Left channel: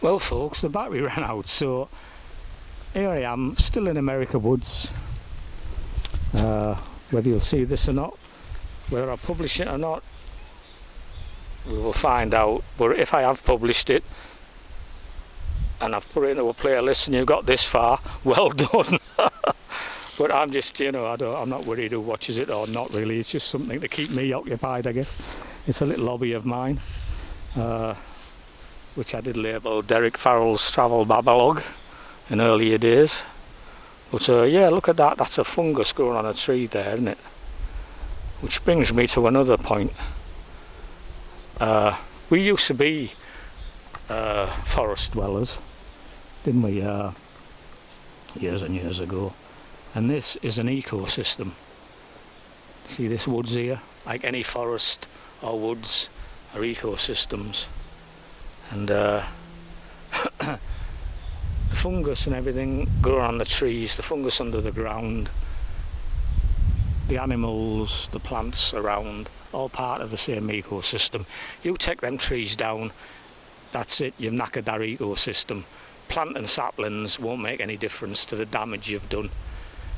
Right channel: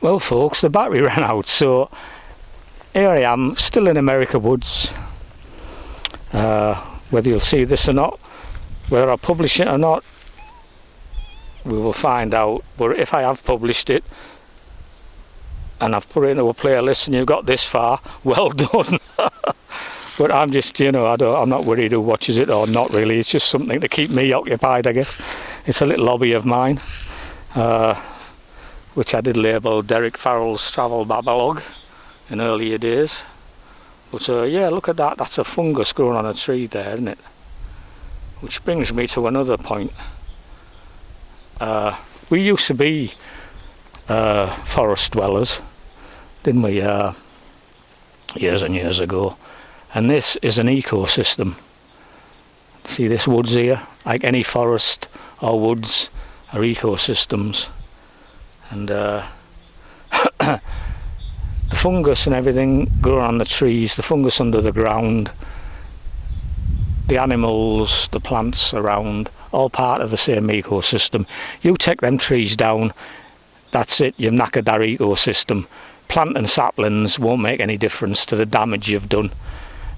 Well folks, the battery ran out, so here I am, still in America Woods. Whether you'll see this or not, whether I publish it or not, we will find out. But if I have published it and I've put it into a playlist and you've got this far, well done. But I'm just, I'm not worried who watches it or not really. It's just something to keep me occupied, I guess. It's a little hobby of mine, which I did label Derek Farrell's Travel Babalog in earlier days. But yeah, look at that. That's a fungus growing on a tree there, isn't it? Which brings me to another point. We used to be forest dwellers, didn't we, years and years ago. And this is an ecosystem. See this woods here? Like any forest or woods are ecosystems. And the fungus and everything growing on the trees, the fungus under the ground, the animals, the plants around, all part of the same ecosystem. You take them trees down, that's it, you've knackered that ecosystem. Planting saplings won't make any difference to the damage you've done.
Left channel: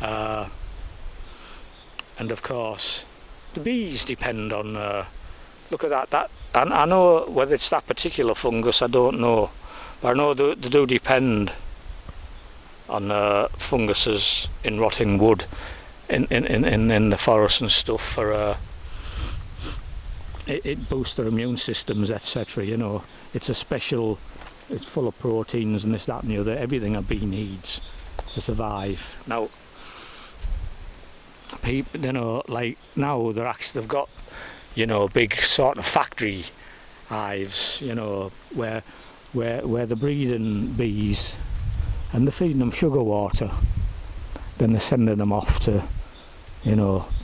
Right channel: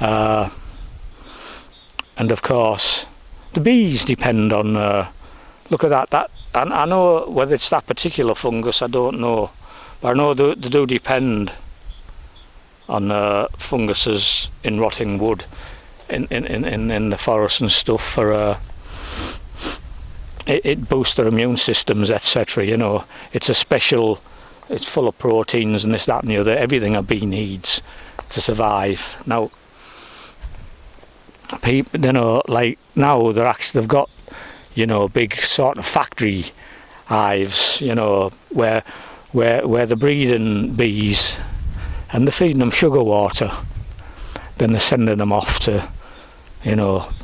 And of course, the bees depend on, look at that, and I know whether it's that particular fungus, I don't know. But I know they do depend on funguses in rotting wood in the forest and stuff for it boosts their immune systems, etc. It's a special, it's full of proteins and this, that and the other, everything a bee needs to survive. Now people, like now they've got big sort of factory hives, where they're breeding bees and they're feeding them sugar water, then they're sending them off to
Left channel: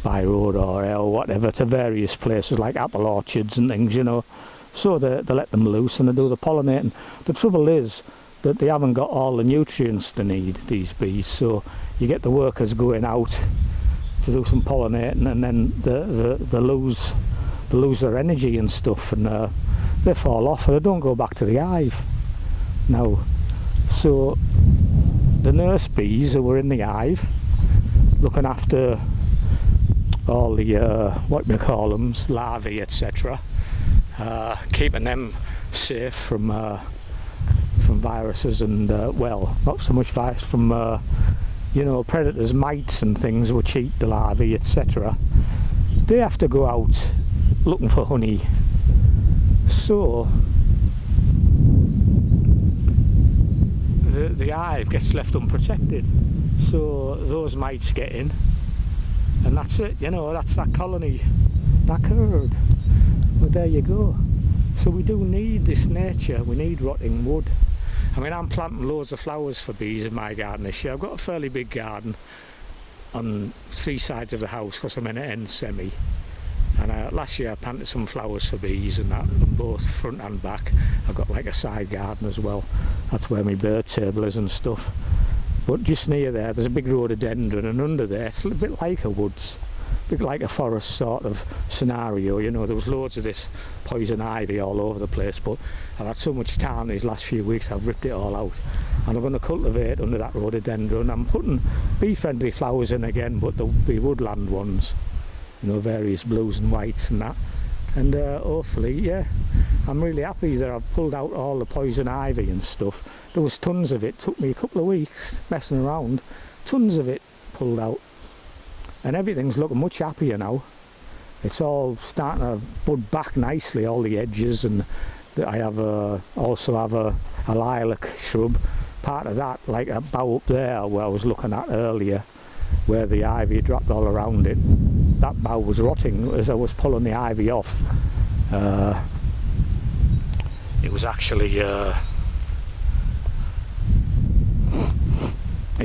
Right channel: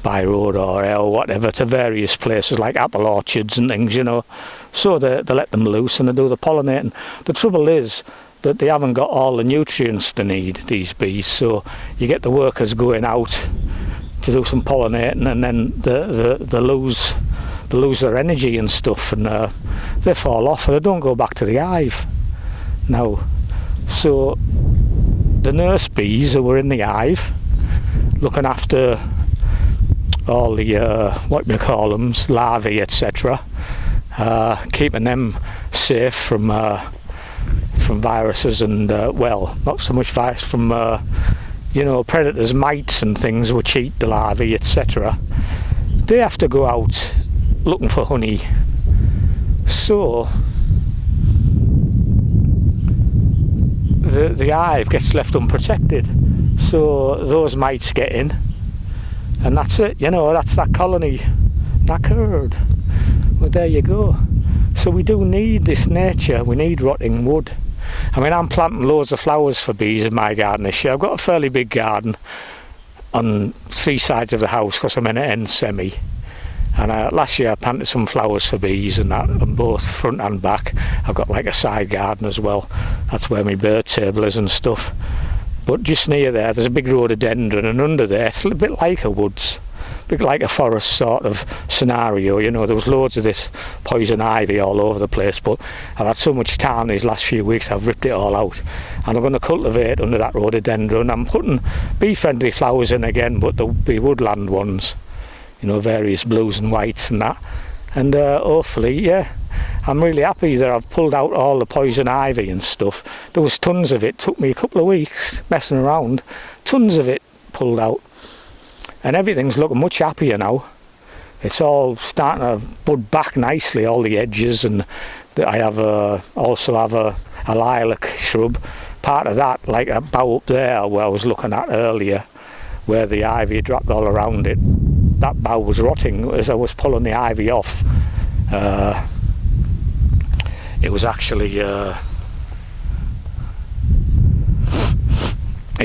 by road or air or whatever to various places like apple orchards and things, so they let them loose and they do the pollinating. The trouble is that they haven't got all the nutrients they need, these bees, so you get the workers going out to do some pollinating and then they lose their energy and stuff, and they fall off and they don't go back to the hive now. So the nurse bees who were in the hive looking after all the what we call them, larvae, etc., keeping them safe from viruses and well, not so much virus, from predators, mites and things which eat the larvae, etc. They have to go out looking for honey, so the hive gets left unprotected, so those mites get in and that's it, that's that colony knackered. Well, there you go. So we do need this nature, we need rotting wood. I mean, I'm planting loads of flowers for bees in my garden this year. I've got a fairly big garden on 3 sides of the house because I'm in an end semi. And last year I planted some flowers for bees and that on both front and back. I've got like a side garden as well. That's where my bird table is and stuff. But just near there's a big rhododendron, and under there it's a little bit like a woods, a bit like a forest sort of scenario. There was loads of this poison ivy all over the place, but I've had so much time these last few weeks I've ripped it all out. And I'm going to cultivate under that rhododendron. I'm putting bee-friendly flowers in again, but there'll be woodland ones. Various blues and whites and that, and hopefully, yeah, I'm really happy that I've pulled out all the poison ivy and stuff. There was tons of it, took me a couple of weeks messing around, tons of it pulled out, and everything's looking much happier now. It's all starting to bud back nicely, all the edges, and I have also have a lilac shrub, part of that, like a bough up there where I was looking at earlier, where the ivy dropped all around it. That bough was rotting as I was pulling the ivy off. It was actually, it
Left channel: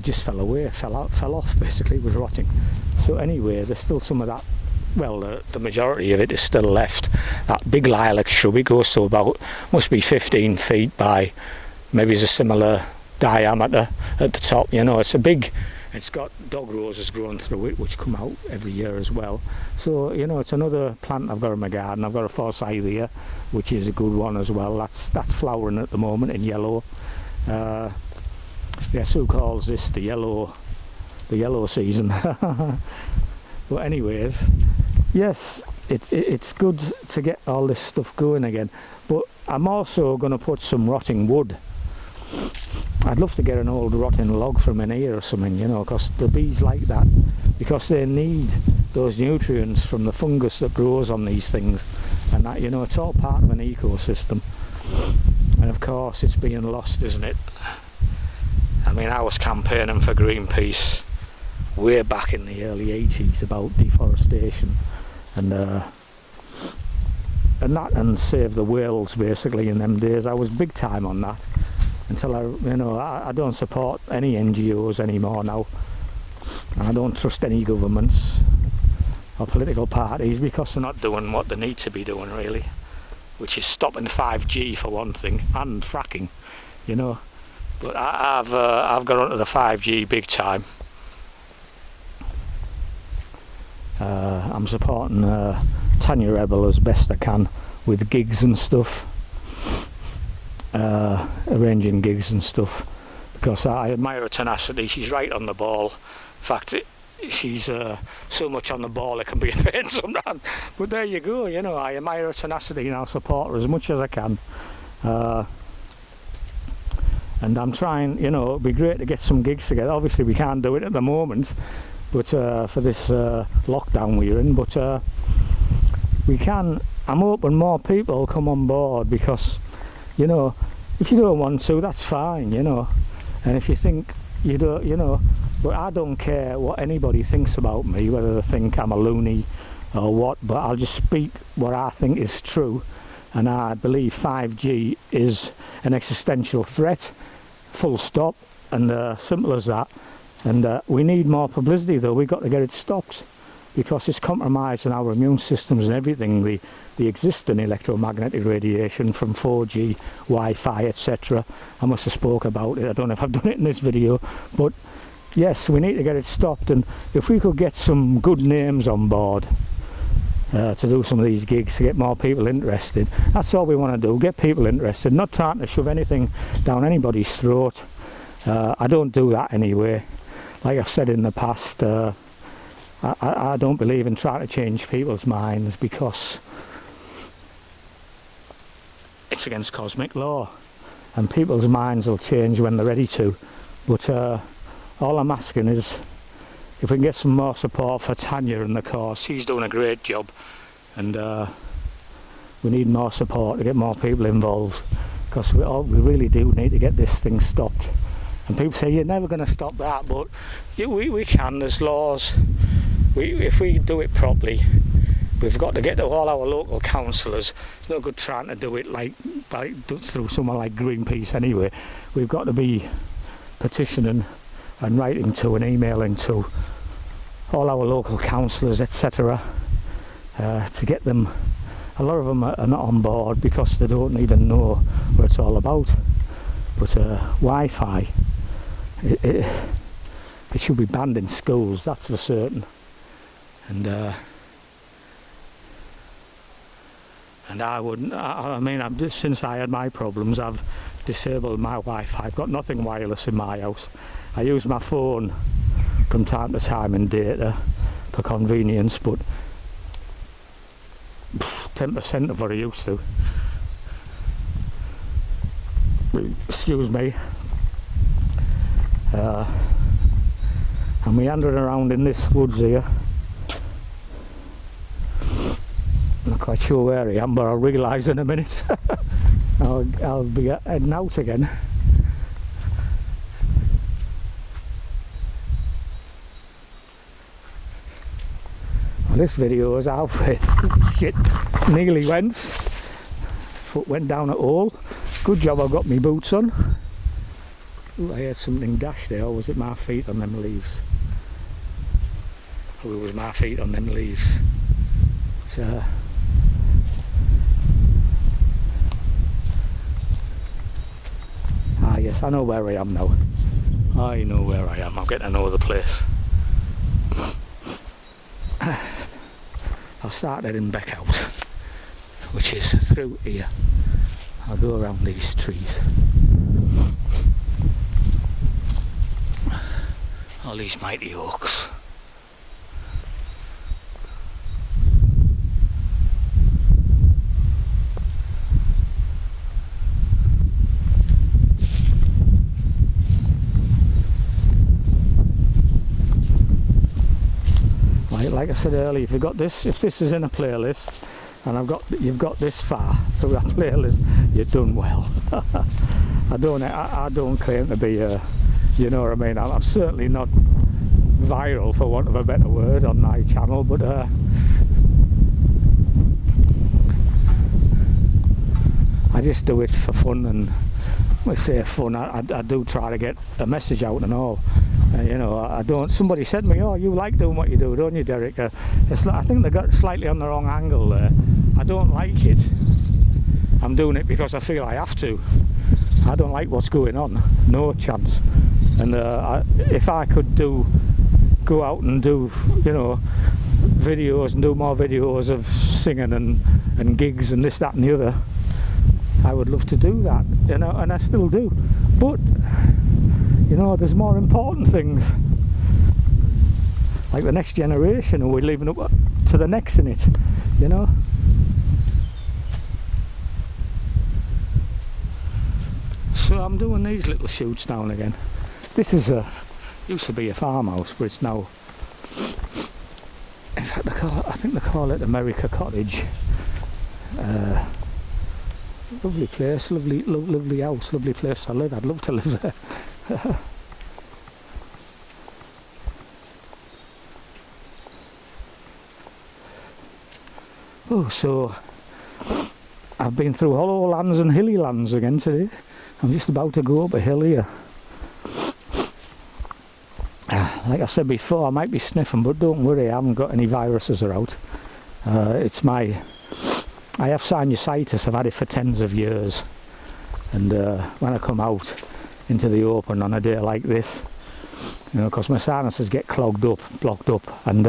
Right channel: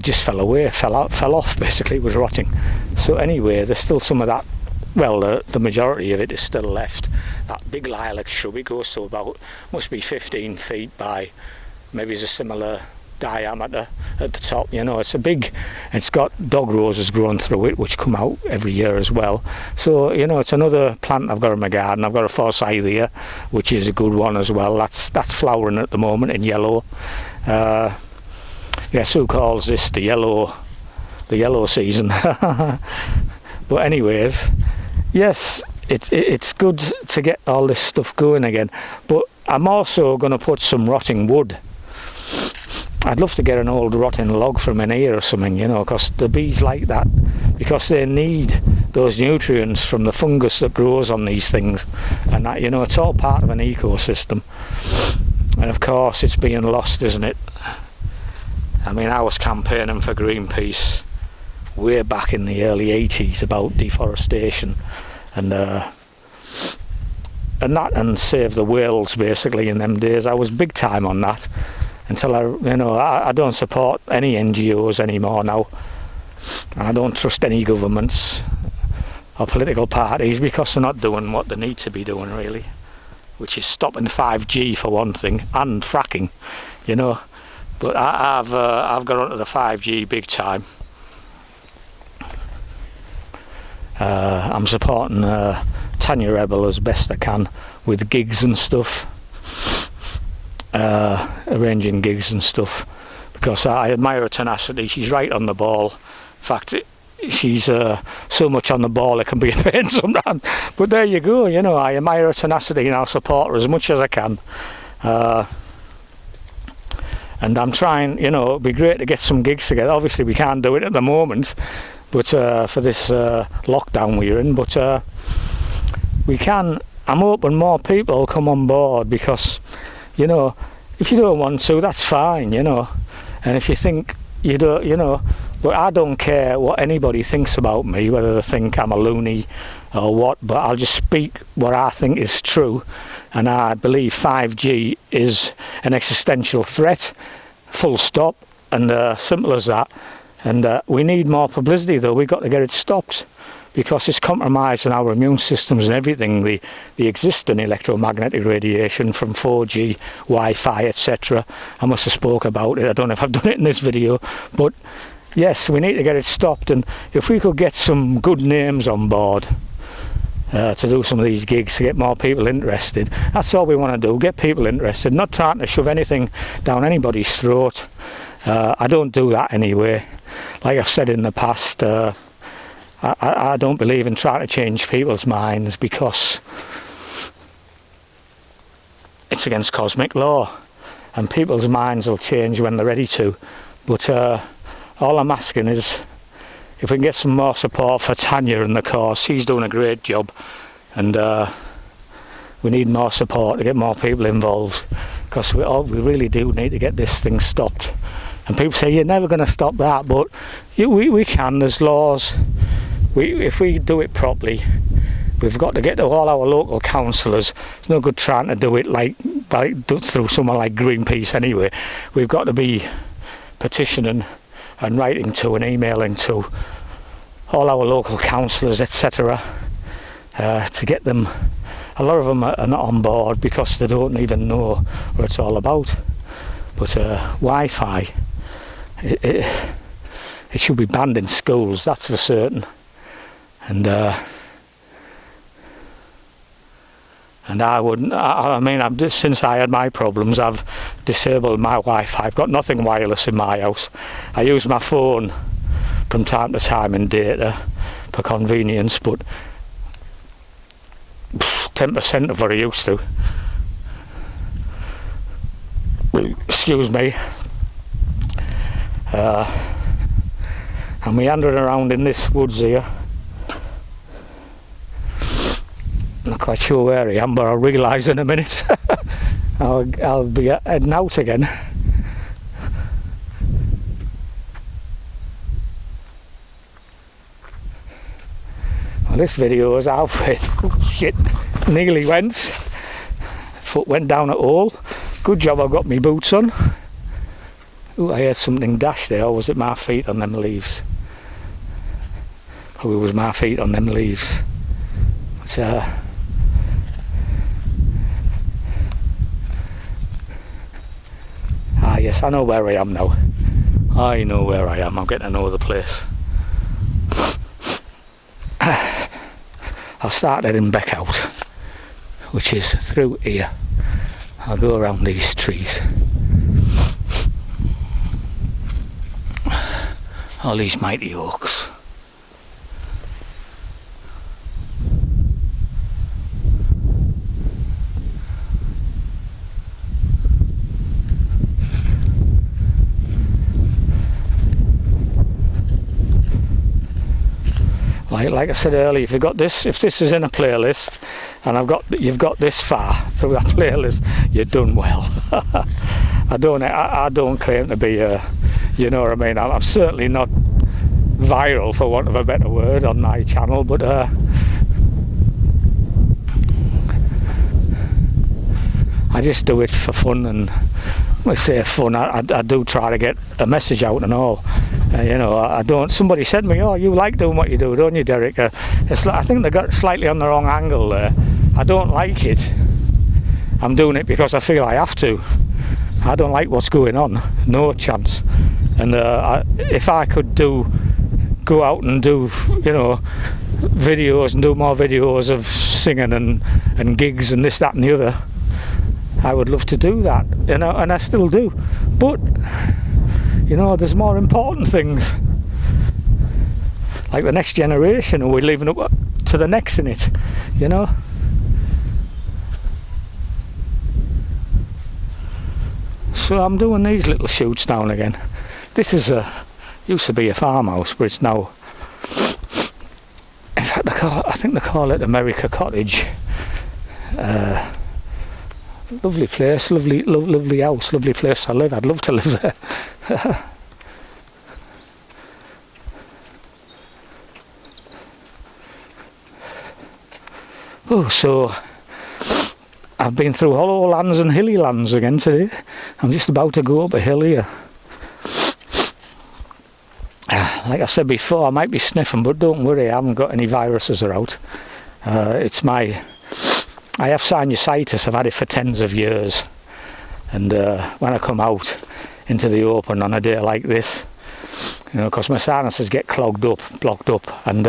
just fell away, fell off basically, it was rotting. So anyway, there's still some of that, well, the majority of it is still left. That big lilac shrub, it goes to about, must be 15 feet by, maybe it's a similar diameter at the top. You know, it's got dog roses growing through it, which come out every year as well. So, you know, it's another plant I've got in my garden. I've got a forsythia, which is a good one as well. That's flowering at the moment in yellow. Yes, who calls this the yellow season? But anyways, yes, it's good to get all this stuff going again. But I'm also going to put some rotting wood. I'd love to get an old rotting log from an ear or something, you know, because the bees like that, because they need those nutrients from the fungus that grows on these things, and that, you know, it's all part of an ecosystem. And of course it's being lost, isn't it? I mean, I was campaigning for Greenpeace way back in the early 80s about deforestation and save the whales basically in them days. I was big time on that until I don't support any NGOs anymore now. I don't trust any governments or political parties because they're not doing what they need to be doing really, which is stopping 5G for one thing, and fracking, you know. But I've got onto the 5G big time. I'm supporting Tanya Rebel as best I can with gigs and stuff, arranging gigs and stuff, because I admire her tenacity. She's right on the ball. In fact, she's so much on the ball it can be a pain sometimes. But there you go, you know, I admire her tenacity and I'll support her as much as I can. And I'm trying, you know, it'd be great to get some gigs together. Obviously we can't do it at the moment, but for this lockdown we're in, but we can. I'm hoping more people will come on board, because, you know, if you don't want to, that's fine, you know. And if you think you don't, you know, but I don't care what anybody thinks about me, whether they think I'm a loony or what, but I'll just speak what I think is true. And I believe 5G is an existential threat, full stop, and simple as that. And we need more publicity though. We've got to get it stopped, because it's compromising our immune systems and everything, the existing electromagnetic radiation from 4G, Wi-Fi, etc. I must have spoke about it. I don't know if I've done it in this video, but yes, we need to get it stopped. And if we could get some good names on board to do some of these gigs, to get more people interested, that's all we want to do, get people interested, not trying to shove anything down anybody's throat. I don't do that anyway. Like I've said in the past, I don't believe in trying to change people's minds, because it's against cosmic law, and people's minds will change when they're ready to. But all I'm asking is if we can get some more support for Tanya in the course. She's doing a great job, and we need more support to get more people involved, because we really do need to get this thing stopped. And people say you're never going to stop that, but we can. There's laws. If we do it properly, we've got to get to all our local councillors. It's no good trying to do it like through someone like Greenpeace anyway. We've got to be petitioning and writing to and emailing to all our local councillors, etc., to get them. A lot of them are not on board because they don't even know what it's all about. But Wi-Fi, it should be banned in schools, that's for certain. And I wouldn't. I mean, since I had my problems, I've disabled my Wi-Fi. I've got nothing wireless in my house. I use my phone from time to time in data for convenience, but 10% of what I used to. Excuse me. I'm meandering around in this woods here. I'm not quite sure where I am, but I'll realise in a minute. I'll be heading out again. Well, this video is halfway. Shit, nearly went. Foot went down a hole. Good job I've got my boots on. Ooh, I heard something dash there, or was it my feet on them leaves? Oh, it was my feet on them leaves. But, yes, place. I know where I am now. I know where I am. I'm getting to know the place. I'll start heading back out, which is through here. I'll go around these trees. All these mighty oaks. Like I said earlier, if this is in a playlist, and you've got this far through that playlist, you're done well. I don't claim to be, you know what I mean. I'm certainly not viral, for want of a better word, on my channel, but I just do it for fun, and when I say fun, I do try to get a message out and all. You know, I don't. Somebody said to me, "Oh, you like doing what you do, don't you, Derek?" It's like, I think they got slightly on the wrong angle there. I don't like it. I'm doing it because I feel I have to. I don't like what's going on. No chance. And if I could go out and do, you know, videos and do more videos of singing and gigs and this, that, and the other, I would love to do that. You know, and I still do. But you know, there's more important things, like the next generation, and we're leaving up to the next in it, you know. So I'm doing these little shoots now and again. This is used to be a farmhouse, but it's now, in fact, I think they call it America Cottage. Lovely place, lovely house, lovely place to live. I'd love to live there. Oh, so I've been through hollow lands and hilly lands again today. I'm just about to go up a hill here. Like I said before, I might be sniffing, but don't worry, I haven't got any viruses around. I have sinusitis. I've had it for tens of years, and when I come out into the open on a day like this, you know, because my sinuses get blocked up, and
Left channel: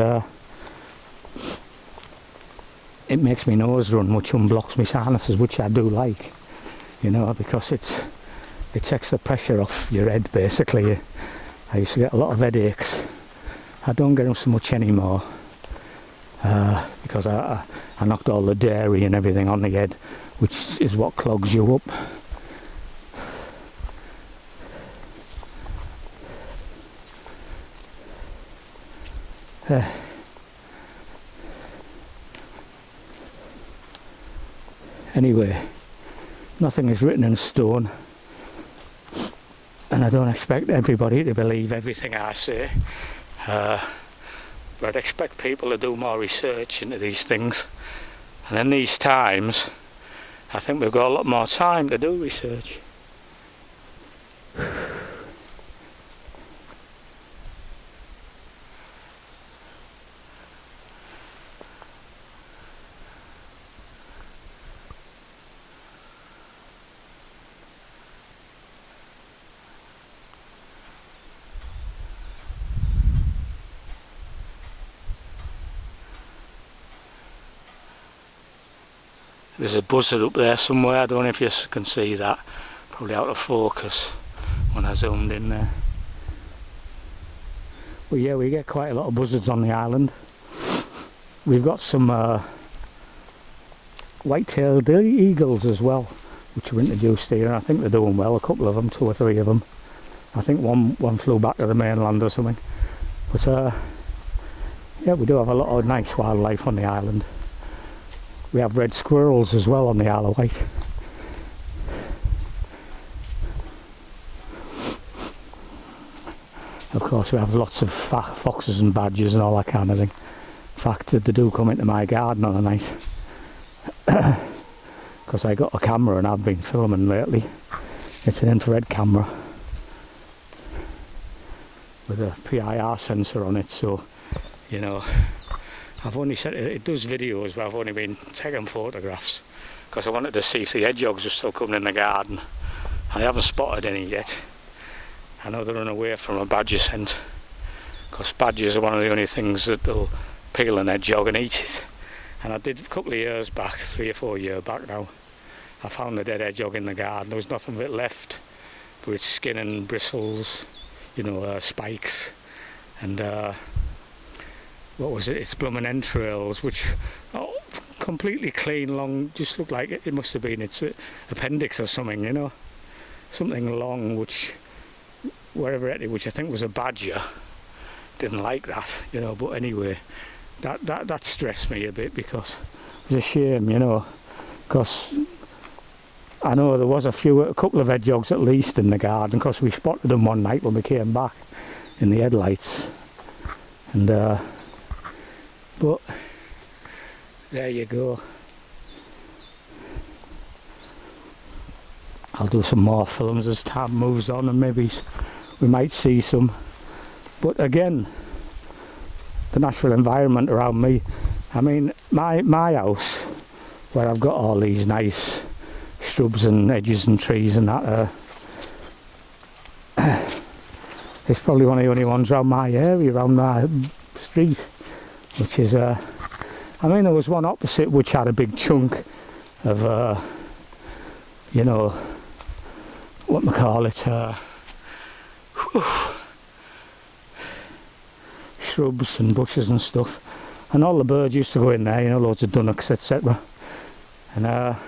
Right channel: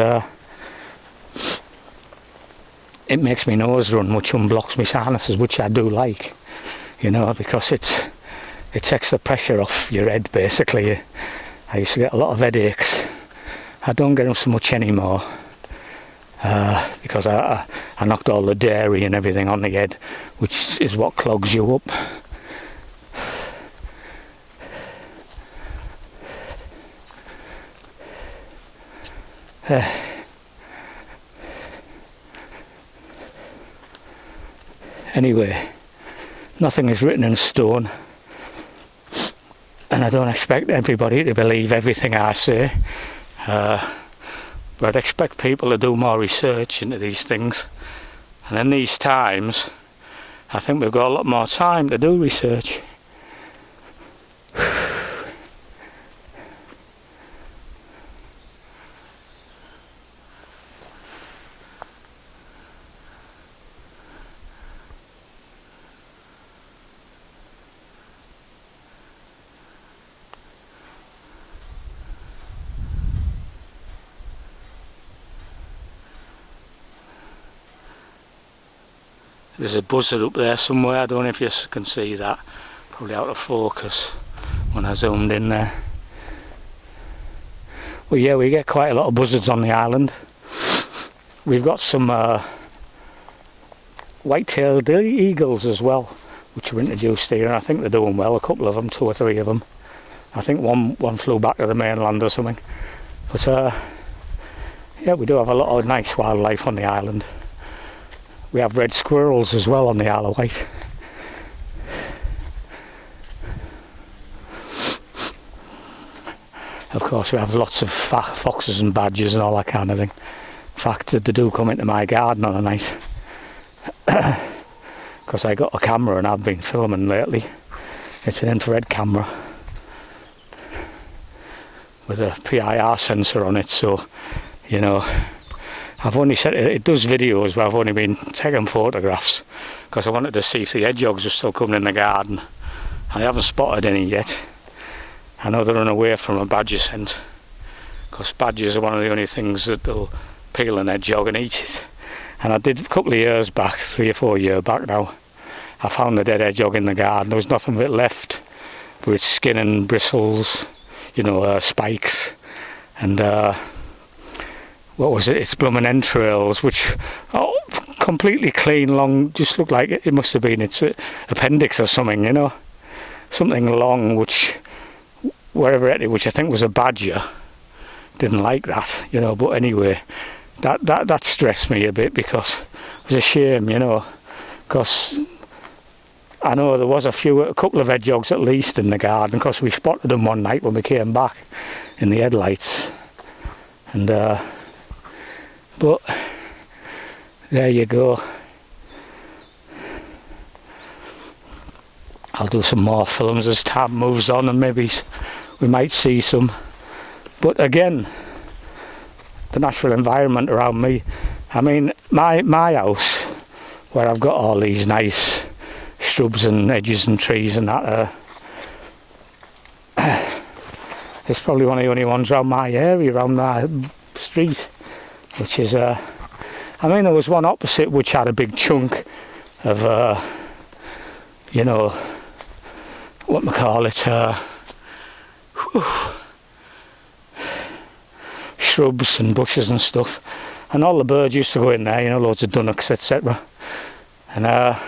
it makes my nose run, which unblocks my sinuses, which I do like, you know, because it takes the pressure off your head, basically. I used to get a lot of headaches. I don't get them so much anymore, because I knocked all the dairy and everything on the head, which is what clogs you up. Anyway, nothing is written in stone, and I don't expect everybody to believe everything I say, but I'd expect people to do more research into these things, and in these times I think we've got a lot more time to do research. There's a buzzard up there somewhere. I don't know if you can see that. Probably out of focus when I zoomed in there. Well, yeah, we get quite a lot of buzzards on the island. We've got some white-tailed eagles as well, which were introduced here, and I think they're doing well. A couple of them, 2 or 3 of them. I think one flew back to the mainland or something. But yeah, we do have a lot of nice wildlife on the island. We have red squirrels as well on the Isle of Wight. Of course, we have lots of foxes and badgers and all that kind of thing. In fact, they do come into my garden on a night, because I got a camera and I've been filming lately. It's an infrared camera with a PIR sensor on it, so, you know, I've only said it does videos, but I've only been taking photographs because I wanted to see if the hedgehogs were still coming in the garden. I haven't spotted any yet. I know they run away from a badger scent, because badgers are one of the only things that will peel an hedgehog and eat it. And I did a couple of years back, 3 or 4 years back now, I found a dead hedgehog in the garden. There was nothing of it left, with its skin and bristles, you know, spikes, and what was it? Its blooming entrails, which completely clean, long, just looked like it must have been its appendix or something, you know, something long, which wherever it, which I think was a badger, didn't like that, you know. But anyway, that stressed me a bit, because it was a shame, you know, because I know there was a couple of hedgehogs at least in the garden, because we spotted them one night when we came back in the headlights, and but there you go. I'll do some more films as time moves on, and maybe we might see some. But again, the natural environment around me, I mean, my house, where I've got all these nice shrubs and hedges and trees and that, it's probably one of the only ones around my area, around my street, which is, I mean, there was one opposite which had a big chunk of, you know, what we call it, shrubs and bushes and stuff, and all the birds used to go in there, you know, loads of dunnocks, etc. And a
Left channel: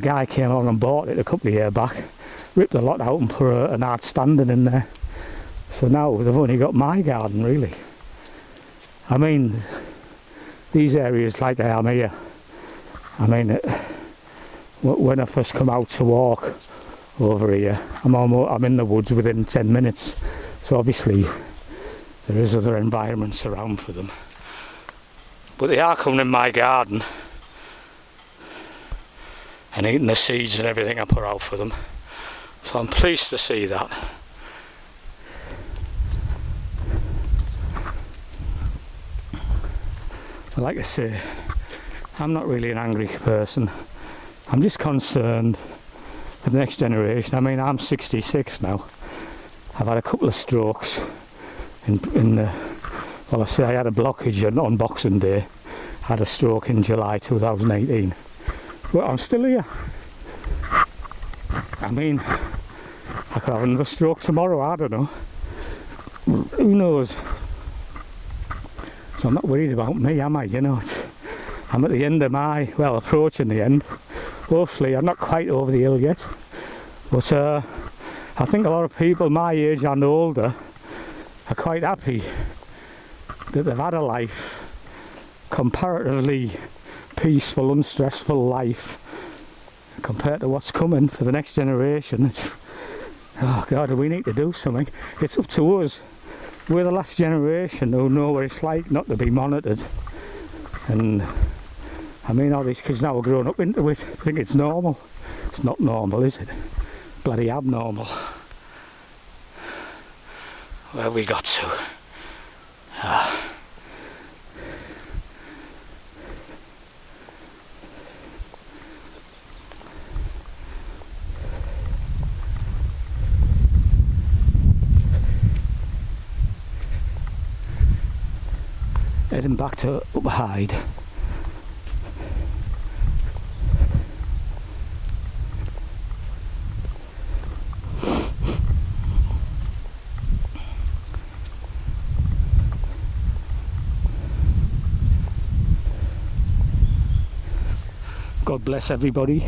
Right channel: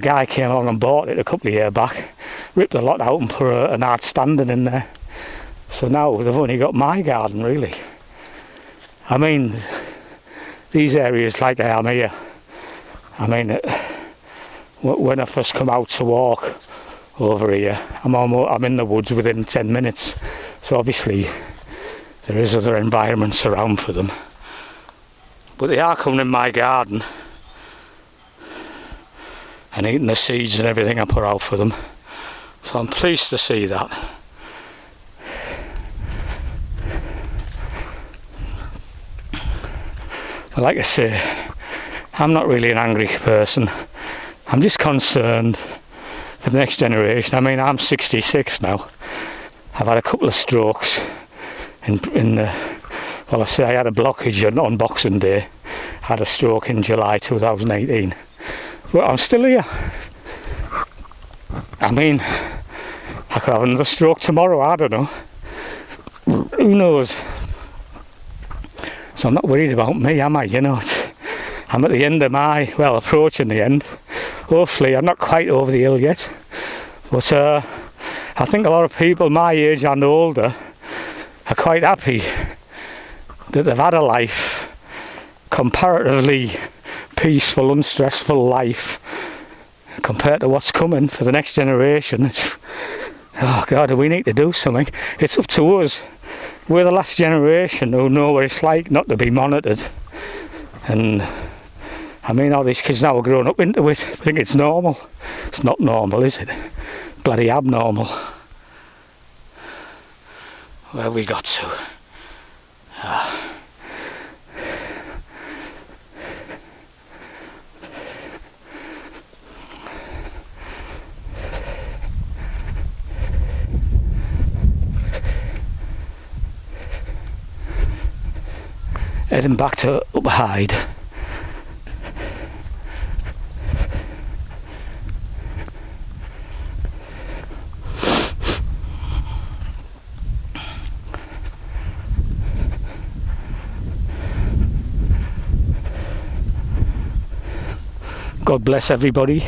guy came along and bought it a couple of years back, ripped the lot out and put an art standing in there. So now they've only got my garden, really. I mean, these areas like I am here, I mean, when I first come out to walk over here, I'm in the woods within 10 minutes, so obviously there is other environments around for them, but they are coming in my garden and eating the seeds and everything I put out for them, so I'm pleased to see that. But like I say, I'm not really an angry person. I'm just concerned for the next generation. I mean, I'm 66 now. I've had a couple of strokes well, I say I had a blockage on Boxing Day. I had a stroke in July 2018. But I'm still here. I mean, I could have another stroke tomorrow, I don't know. Who knows? So I'm not worried about me, am I? You know, I'm at the end of well, approaching the end. Hopefully, I'm not quite over the hill yet. But I think a lot of people my age and older are quite happy that they've had a life, comparatively peaceful, unstressful life, compared to what's coming for the next generation. It's, oh God, we need to do something. It's up to us. We're the last generation who know what it's like not to be monitored. And I mean, all these kids now are growing up into it. I think it's normal. It's not normal, is it? Bloody abnormal. Where have we got to? Heading back to up Hyde. God bless everybody.